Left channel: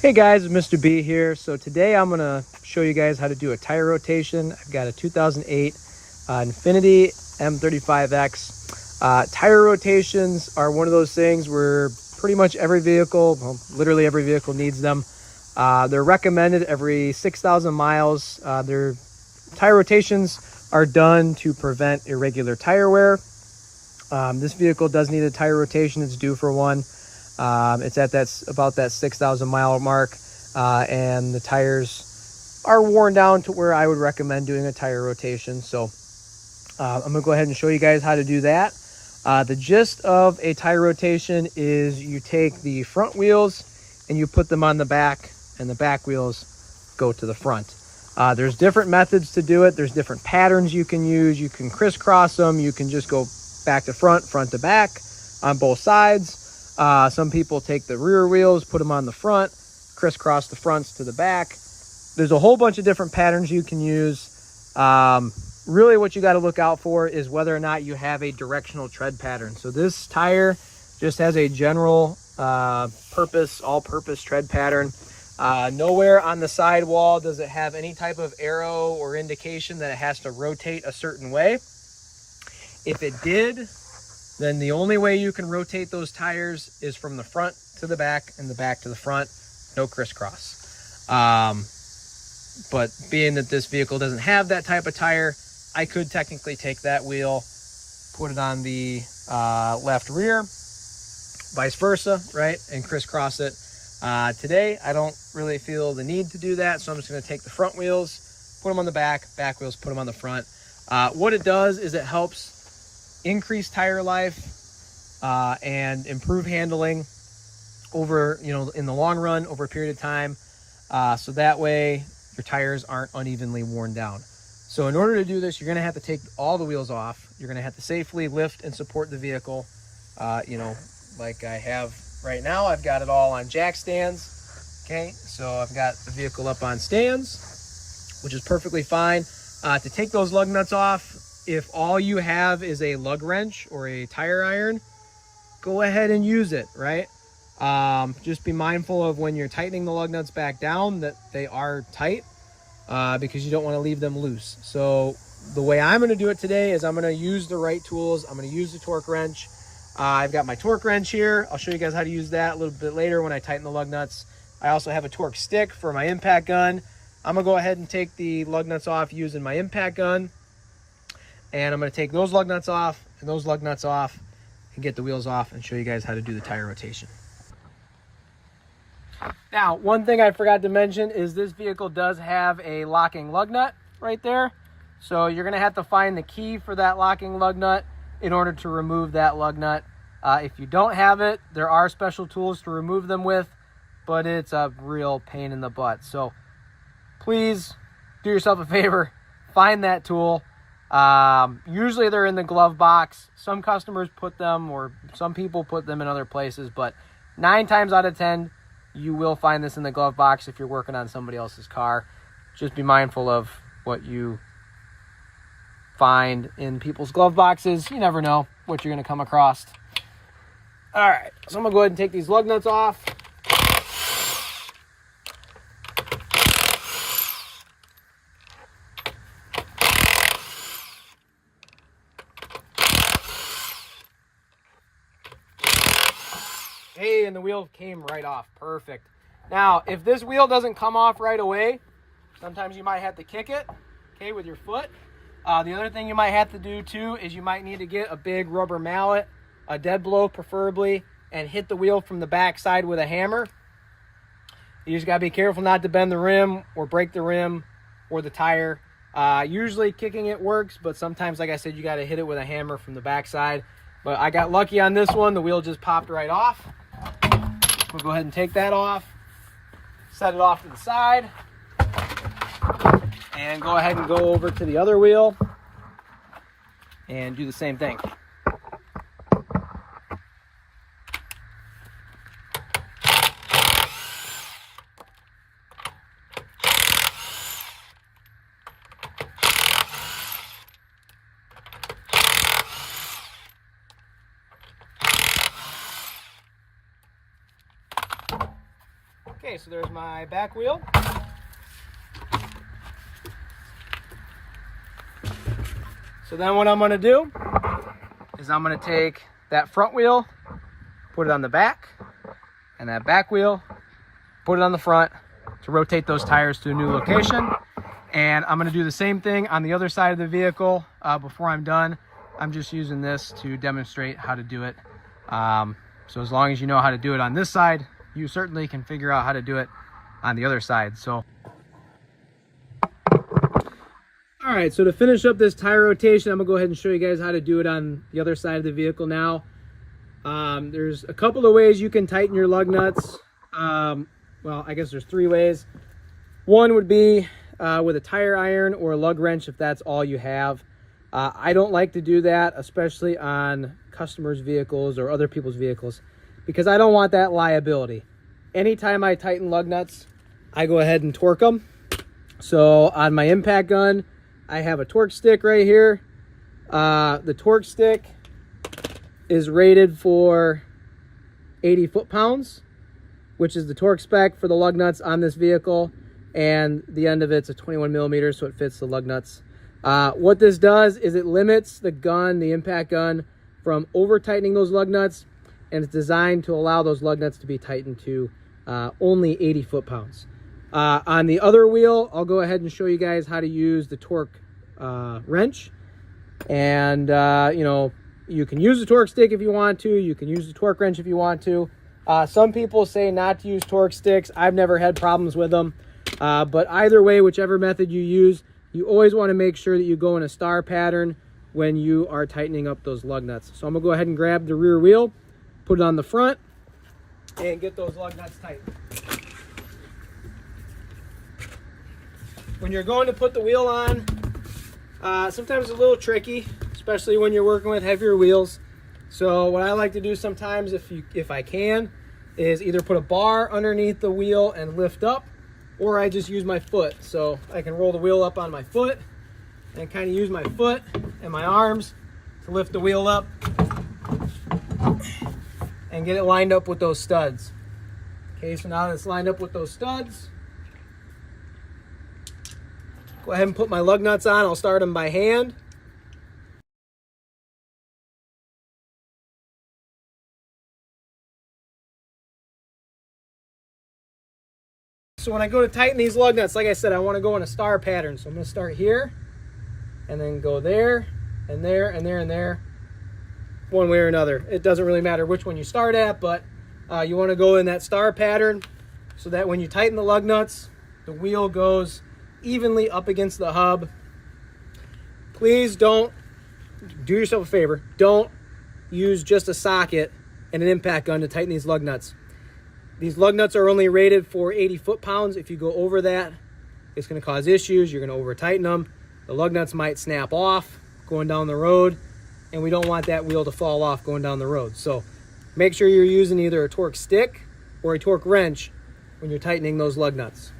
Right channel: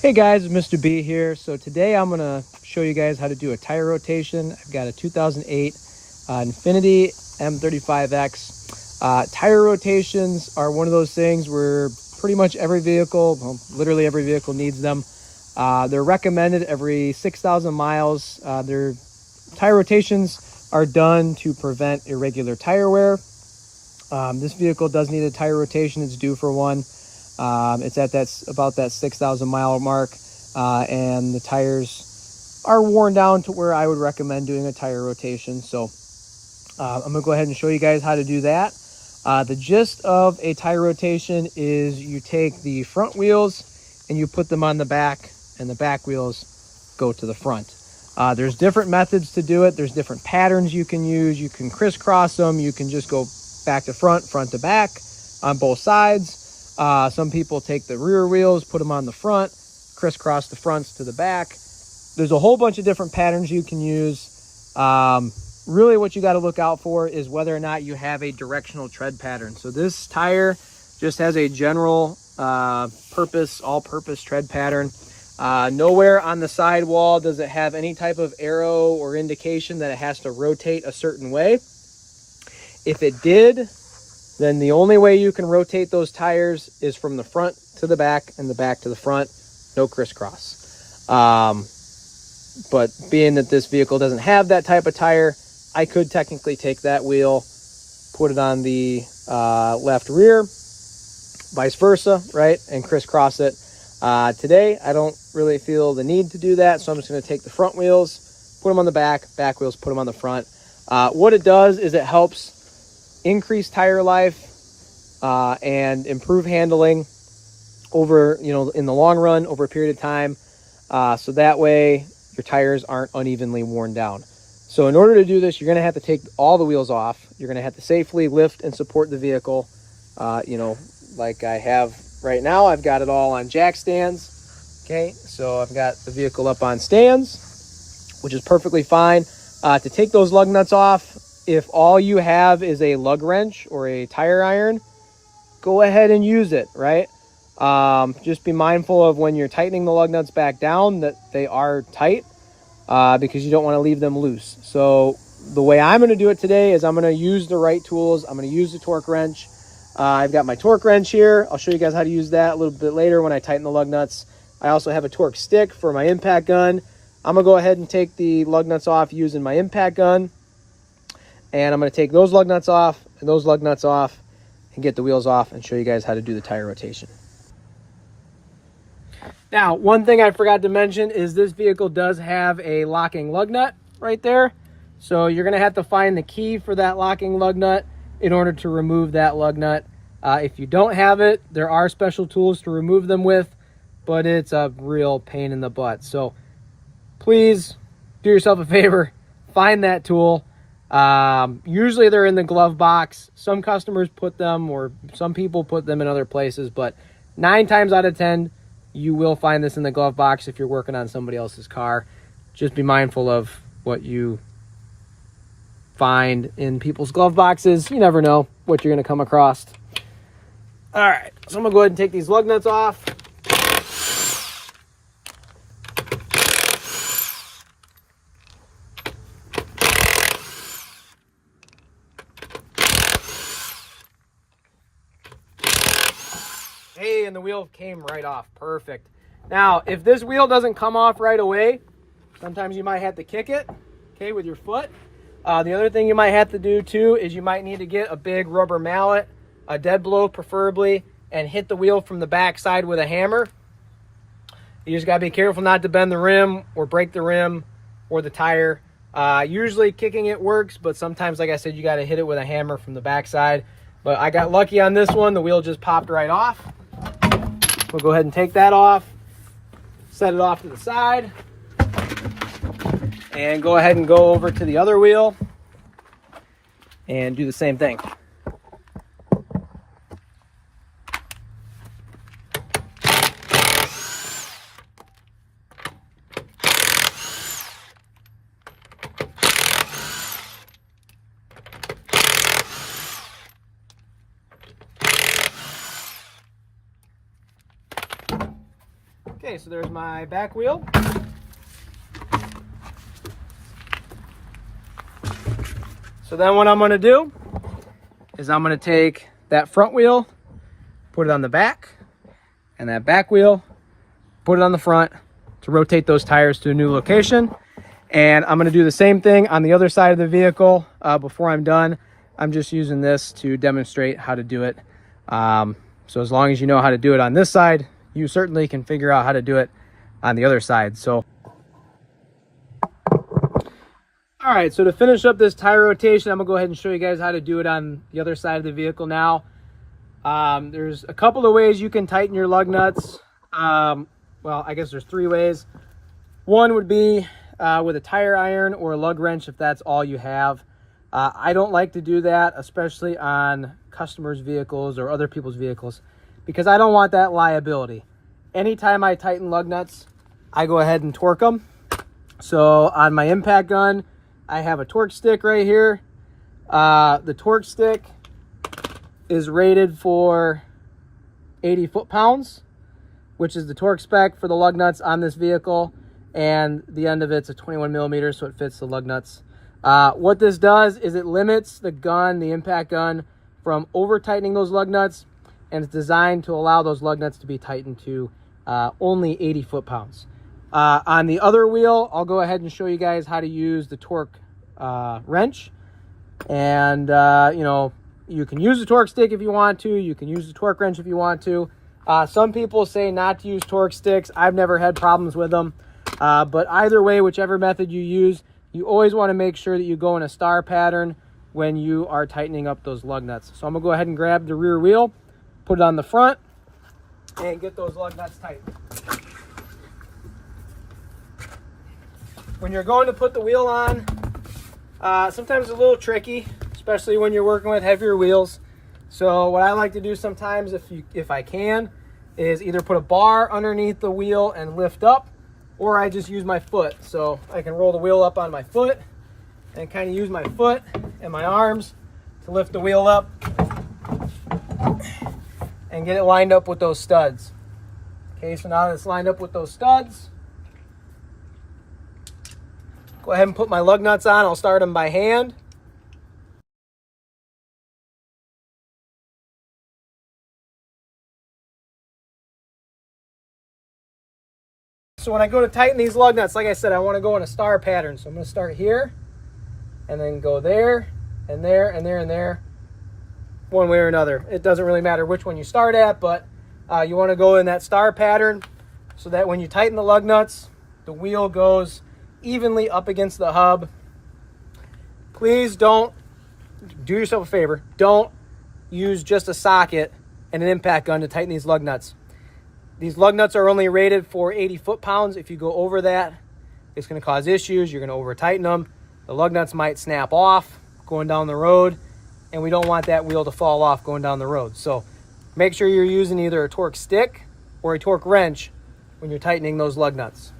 Hey guys, Mr.B here. So today I'm going to show you guys how to do a tire rotation. I've got a 2008 Infinity M35x. Tire rotations are one of those things where pretty much every vehicle, literally every vehicle needs them. They're recommended every 6,000 miles. Their tire rotations are done to prevent irregular tire wear. This vehicle does need a tire rotation. It's due for one. It's at about that 6,000 mile mark, and the tires are worn down to where I would recommend doing a tire rotation. So I'm going to go ahead and show you guys how to do that. The gist of a tire rotation is you take the front wheels and you put them on the back, and the back wheels go to the front. There's different methods to do it. There's different patterns you can use. You can crisscross them. You can just go back to front, front to back on both sides. Some people take the rear wheels, put them on the front, crisscross the fronts to the back. There's a whole bunch of different patterns you can use. Really what you got to look out for is whether or not you have a directional tread pattern. So this tire just has a general all-purpose tread pattern. Nowhere on the sidewall does it have any type of arrow or indication that it has to rotate a certain way. If it did, then the only way you can rotate those tires is from the front to the back and the back to the front, no crisscross. But being that this vehicle doesn't have that type of tire, I could technically take that wheel, put it on the left rear, vice versa, right, and crisscross it. Today, I don't really feel the need to do that, so I'm just going to take the front wheels, put them on the back wheels, put them on the front. What it does is it helps increase tire life and improve handling over, in the long run, over a period of time. So that way your tires aren't unevenly worn down. So in order to do this, you're going to have to take all the wheels off. You're going to have to safely lift and support the vehicle. Like I have right now, I've got it all on jack stands. Okay, so I've got the vehicle up on stands, which is perfectly fine. To take those lug nuts off, if all you have is a lug wrench or a tire iron, go ahead and use it, right? Just be mindful of when you're tightening the lug nuts back down that they are tight, because you don't want to leave them loose. So the way I'm going to do it today is I'm going to use the right tools. I'm going to use the torque wrench. I've got my torque wrench here. I'll show you guys how to use that a little bit later when I tighten the lug nuts. I also have a torque stick for my impact gun. I'm going to go ahead and take the lug nuts off using my impact gun. And I'm going to take those lug nuts off and those lug nuts off and get the wheels off and show you guys how to do the tire rotation. Now, one thing I forgot to mention is this vehicle does have a locking lug nut right there. So you're going to have to find the key for that locking lug nut in order to remove that lug nut. If you don't have it, there are special tools to remove them with, but it's a real pain in the butt. So please do yourself a favor, find that tool. Usually they're in the glove box. Some customers put them, or some people put them in other places, but 9 times out of 10, you will find this in the glove box if you're working on somebody else's car. Just be mindful of what you find in people's glove boxes. You never know what you're going to come across. All right, so I'm going to go ahead and take these lug nuts off. Hey, and the wheel came right off. Perfect. Now, if this wheel doesn't come off right away, sometimes you might have to kick it, okay, with your foot. The other thing you might have to do too is you might need to get a big rubber mallet, a dead blow preferably, and hit the wheel from the back side with a hammer. You just gotta be careful not to bend the rim or break the rim or the tire. Usually kicking it works, but sometimes, like I said, you gotta hit it with a hammer from the back side. But I got lucky on this one. The wheel just popped right off. We'll go ahead and take that off, set it off to the side, and go ahead and go over to the other wheel and do the same thing. Okay, so there's my back wheel. So then what I'm going to do is I'm going to take that front wheel, put it on the back, and that back wheel, put it on the front to rotate those tires to a new location. And I'm going to do the same thing on the other side of the vehicle. Before I'm done, I'm just using this to demonstrate how to do it. So as long as you know how to do it on this side, you certainly can figure out how to do it on the other side. So all right, so to finish up this tire rotation, I'm gonna go ahead and show you guys how to do it on the other side of the vehicle now. There's a couple of ways you can tighten your lug nuts. Well, I guess there's 3 ways. One would be with a tire iron or a lug wrench if that's all you have. I don't like to do that, especially on customers' vehicles or other people's vehicles, because I don't want that liability. Anytime I tighten lug nuts, I go ahead and torque them. So on my impact gun, I have a torque stick right here. The torque stick is rated for 80 foot-pounds, which is the torque spec for the lug nuts on this vehicle. And the end of it's a 21 millimeters, so it fits the lug nuts. What this does is it limits the gun, the impact gun, from over tightening those lug nuts, and it's designed to allow those lug nuts to be tightened to only 80 foot-pounds. On the other wheel, I'll go ahead and show you guys how to use the torque wrench. And you know, you can use the torque stick if you want to, you can use the torque wrench if you want to. Some people say not to use torque sticks. I've never had problems with them. But either way, whichever method you use, you always want to make sure that you go in a star pattern when you are tightening up those lug nuts. So I'm gonna go ahead and grab the rear wheel, put it on the front, and get those lug nuts tightened. When you're going to put the wheel on, sometimes it's a little tricky, especially when you're working with heavier wheels. So what I like to do sometimes, if I can, is either put a bar underneath the wheel and lift up, or I just use my foot. So I can roll the wheel up on my foot and kind of use my foot and my arms to lift the wheel up and get it lined up with those studs. Okay, so now that it's lined up with those studs, go ahead and put my lug nuts on. I'll start them by hand. So when I go to tighten these lug nuts, like I said, I want to go in a star pattern. So I'm going to start here and then go there and there and there and there, one way or another. It doesn't really matter which one you start at, but you want to go in that star pattern so that when you tighten the lug nuts, the wheel goes evenly up against the hub. Please don't, do yourself a favor, don't use just a socket and an impact gun to tighten these lug nuts. These lug nuts are only rated for 80 foot-pounds. If you go over that, it's going to cause issues. You're going to over tighten them. The lug nuts might snap off going down the road, and we don't want that wheel to fall off going down the road. So make sure you're using either a torque stick or a torque wrench when you're tightening those lug nuts.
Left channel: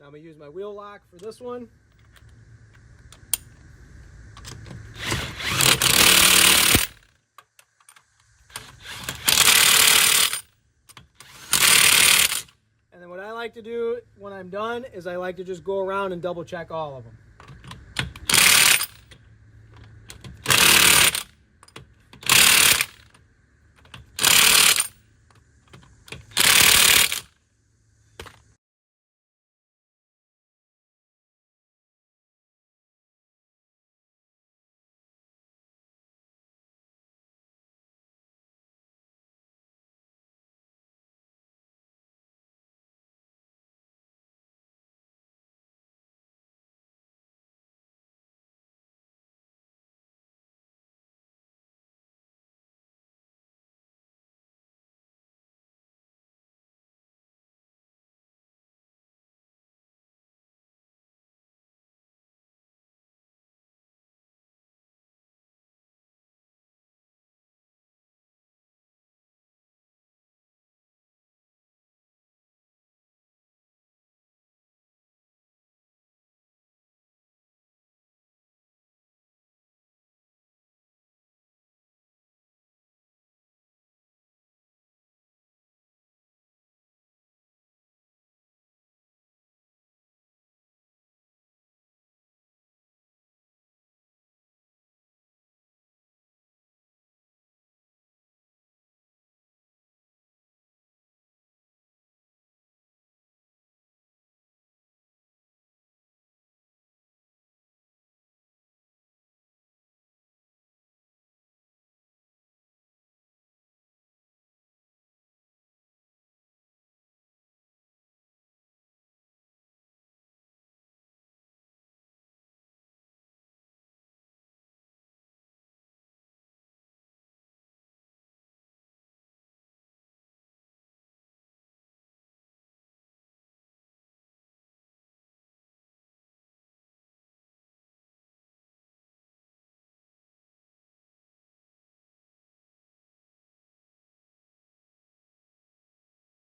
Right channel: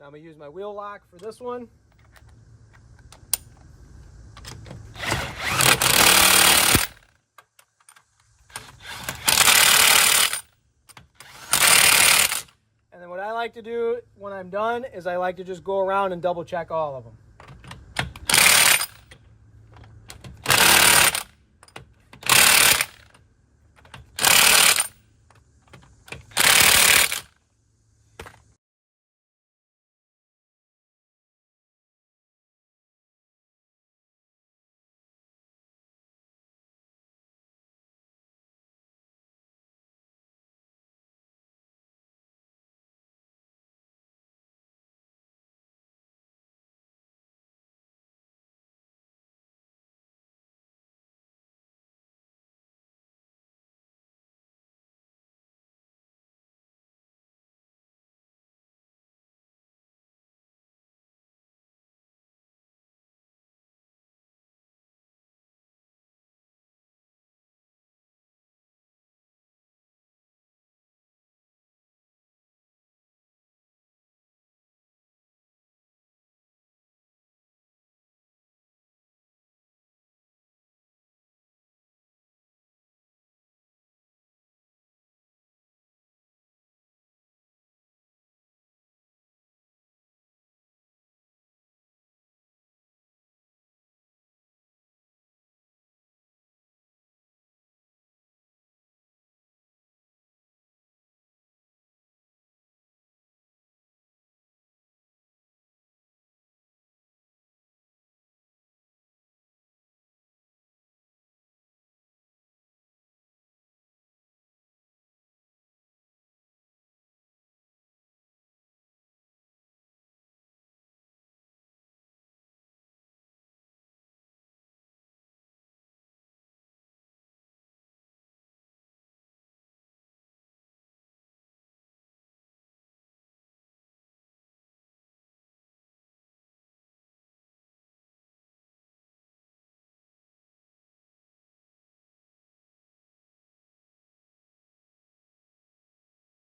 Now I'm going to use my wheel lock for this one. And then what I like to do when I'm done is I like to just go around and double check all of them.